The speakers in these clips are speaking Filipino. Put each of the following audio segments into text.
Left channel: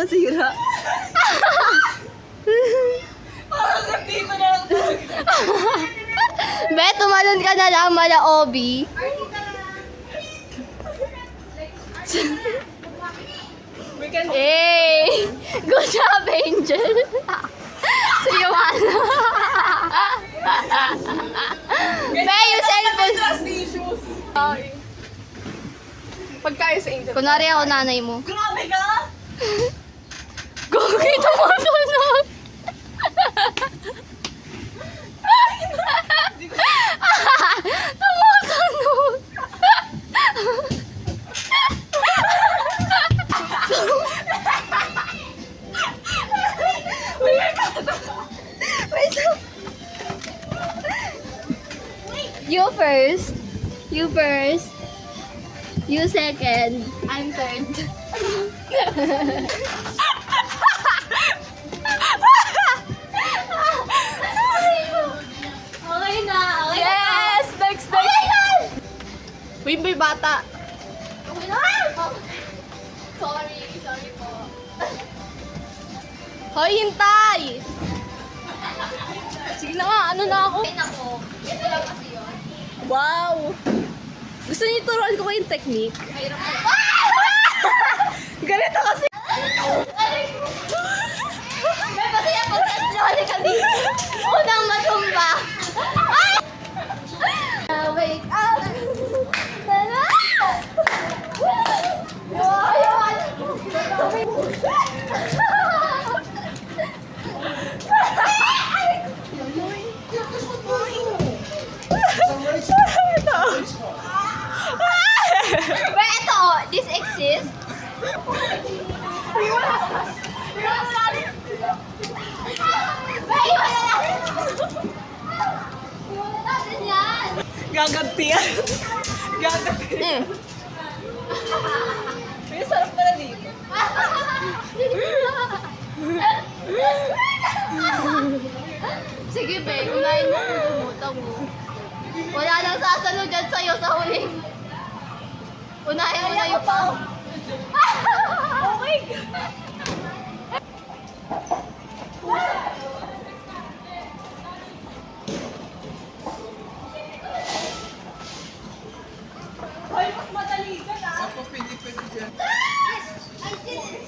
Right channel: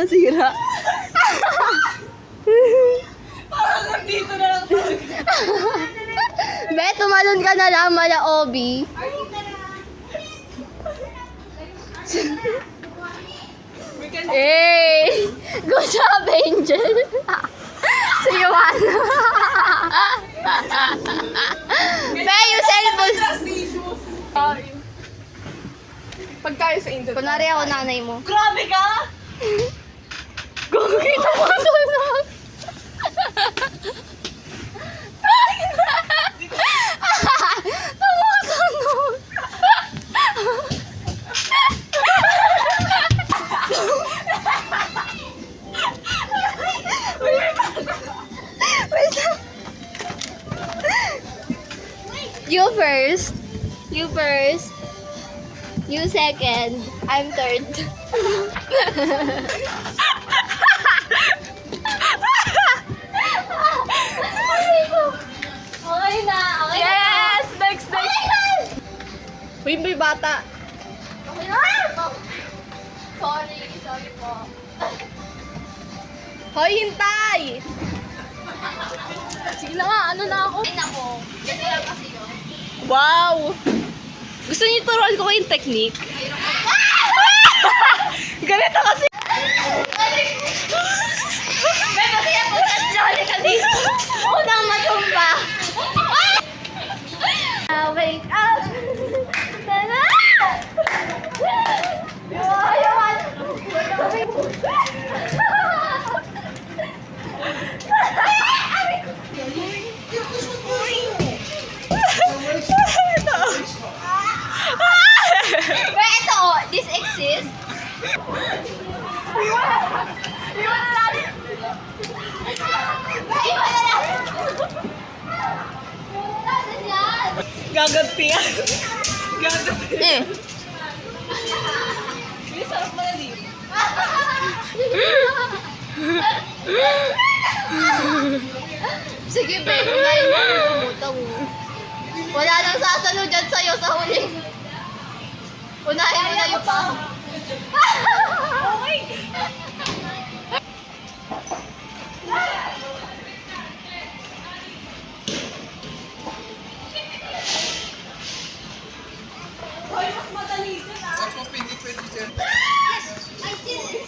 nasira. Parang dito na lang talaga. Be, tumalon ka na lang, mala Obi. Hey! Good job, Angel! Si Joanna. Be, yung cellphone. Trust issues. Pagkayo sa Angel. Kunwari ako nanay mo. Grabe ka! Gagi, tumutunog! Tumutunog! Wait lang. You first. You first. You second. I'm third. Okay na. Okay Yes! Next, na. next! Okay na. Uy, may bata. Okay na. Sorry. Sorry po. Hoy, hintay! Sige na nga, ano na ako? Ay, nako. Ito lang kasi yun. Wow! Gusto niyo turuan ko kayong technique? Ganito kasi! May kasi ako sa ka dito. Unang matumba. Wake up. Tana! Wait, ito, this exists? Gagantihan. Gagantihan. May sarap pala dito. Sige, babe, unahin mo yung wala nang sasunod dyan sa'yo sa huli. Unahin mo na yung Okay. Hoy, mas madali dyan ah. Ako, pwede dyan. I did it.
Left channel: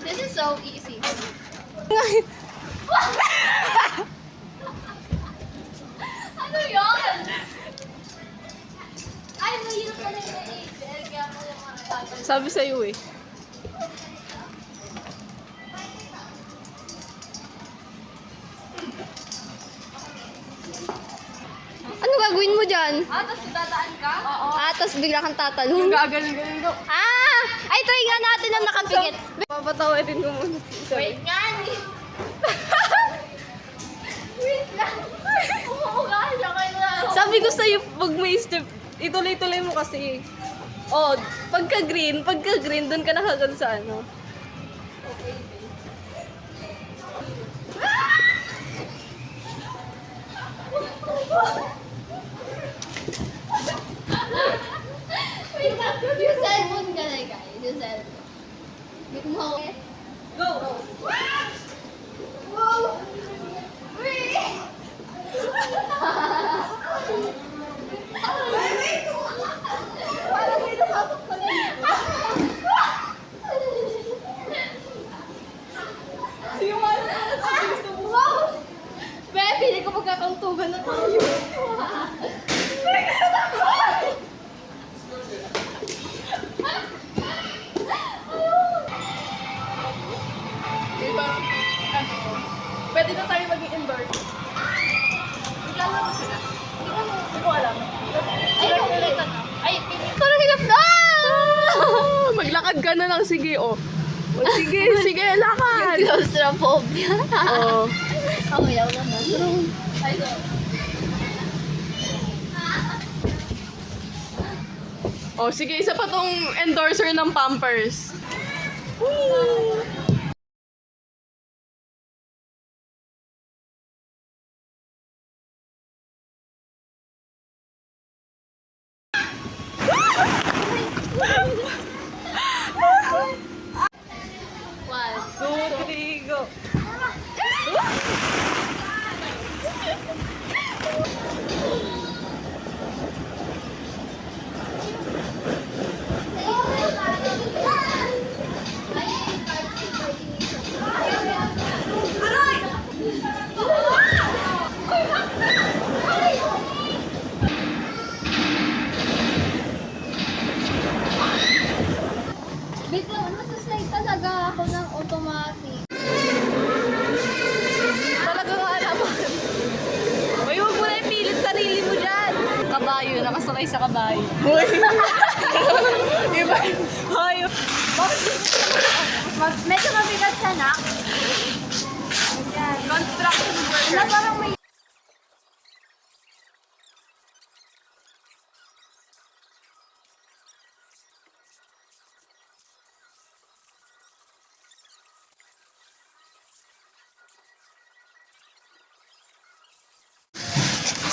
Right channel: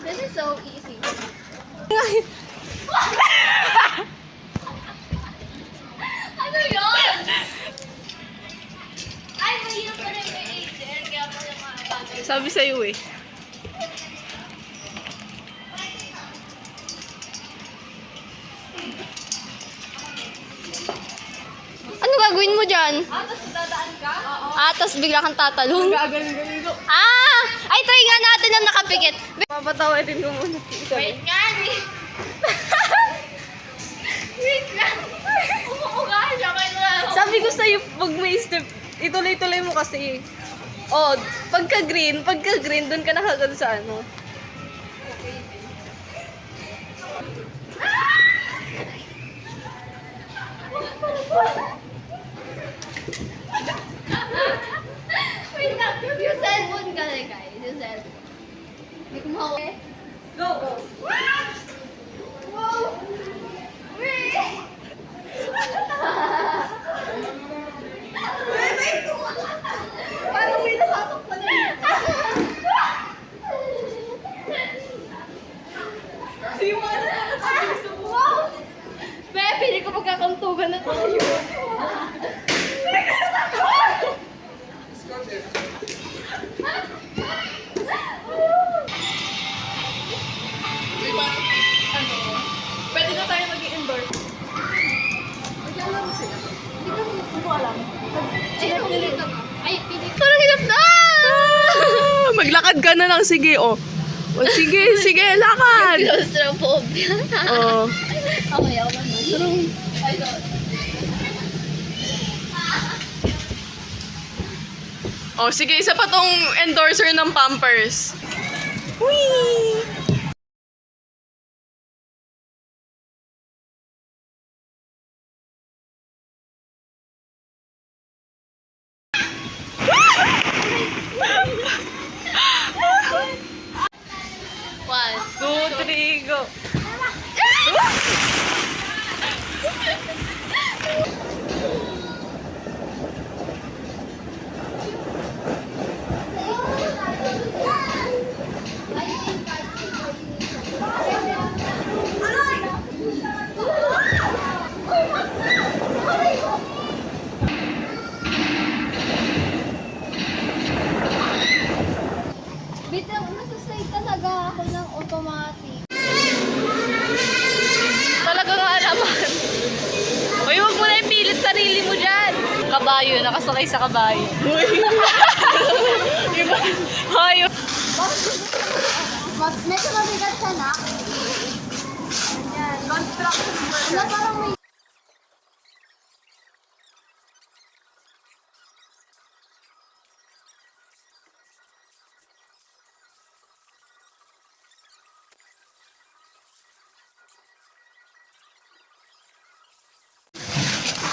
This is so easy. Ano yun? Ay, mahirap pala yung kay Angel. Kaya pala yung mga Sabi sa'yo eh. Ano gagawin mo dyan? Ah, tapos dadaan ka? Oo. Tapos bigla kang tatalon. Gagaling ko. Ay, try nga natin ang nakapikit. Papatawarin ko muna si Isabel. Wait nga, wait lang. Umuuga siya kayo. Sabi ko sa'yo, pag may step, ituloy-tuloy mo kasi. Oh, pagka-green, dun ka nakagad sa ano. Wait lang. Yung cellphone ka na, guys. Yung cellphone. Hindi ko mahawak. Go! Wow! Wait! Parang may nasasaktan niya. Si Juana na gusto mo. Wow! Be, pili ko magkakantugan na tayo. May parang, ano, pwede na tayo maging indoor. Maglalaro sila. Hindi ko alam. Ay, pili ka na. Ay, pili. Parang hirap na! Maglakad ka na lang, sige, oh. Oh, sige, sige, lakad. Claustrophobia. Oh. Okay, ako naman. Ay, sorry. Oh, sige, isa pa tong endorser ng Pampers. Whee! 2, 3, go. Bitaw, nasasay talaga ako ng automatic. Talaga nga naman. Uy, huwag mo na ipilit sarili mo dyan. Kabayo, nakasakay sa kabayo. Uy! Iba. Hayo. Medyo mabigat siya na. Ayan. Ano, parang may...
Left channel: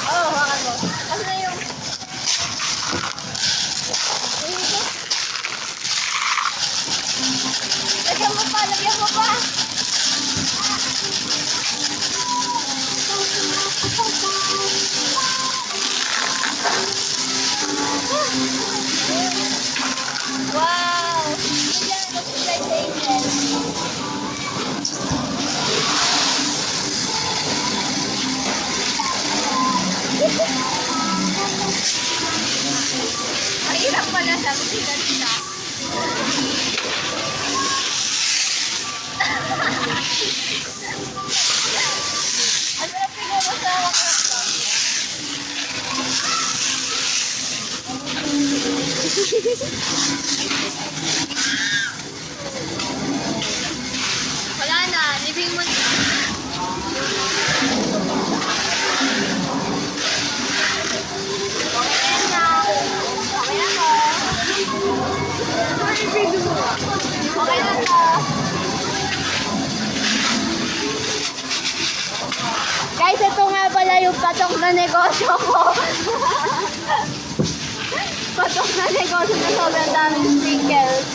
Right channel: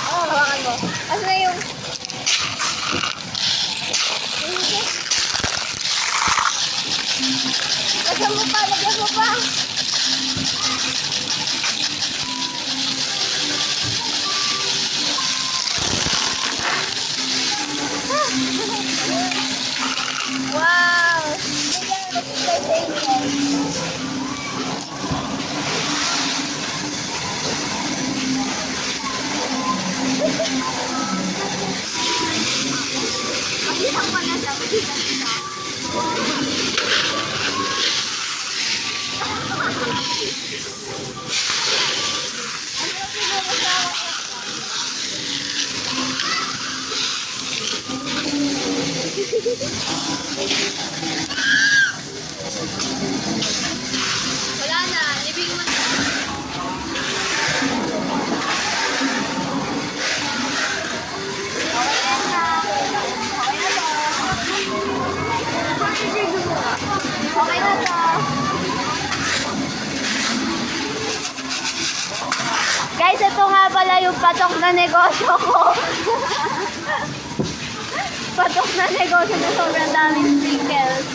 Oo, ano? Ano na yung... Lagyan mo pa, lagyan mo pa. Wow! Bigyan mo si Flight Angel. Mahirap pala sa siya. Ano na siguro sa wala na, libing mo na. Okay na. Okay na to. Okay na to. Guys, ito nga pala yung patok na negosyo ko. Patok na negosyo na sobrang daming sprinkles.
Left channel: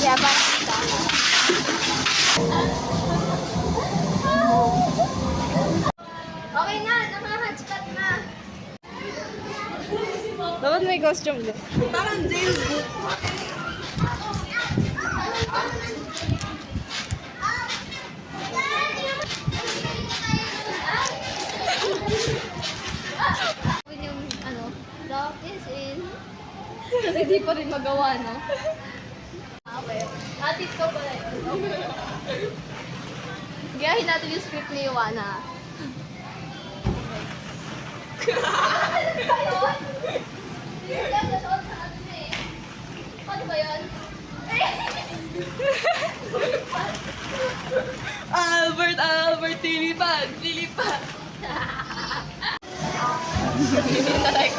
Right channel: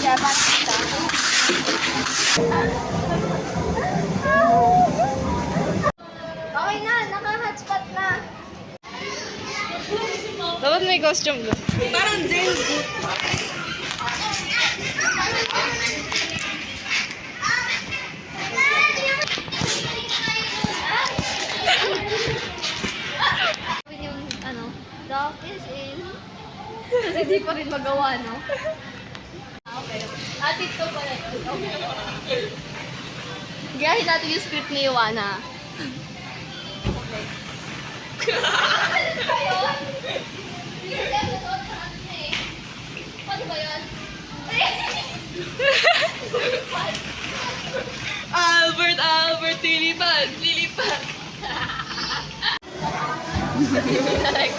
Yeah, parang kita na. Okay na, naka-hotspot na. Dapat may costume doon. Parang jailboot. Yung ano, the office is... Kasi di pa rin magawa, no? Okay. Atit ko pala yun. Gayahin natin yung script ni Iwana. Ano ba yun? Yung episode sa ano na eh. Paano ba yun? Albert, lilipad. Like,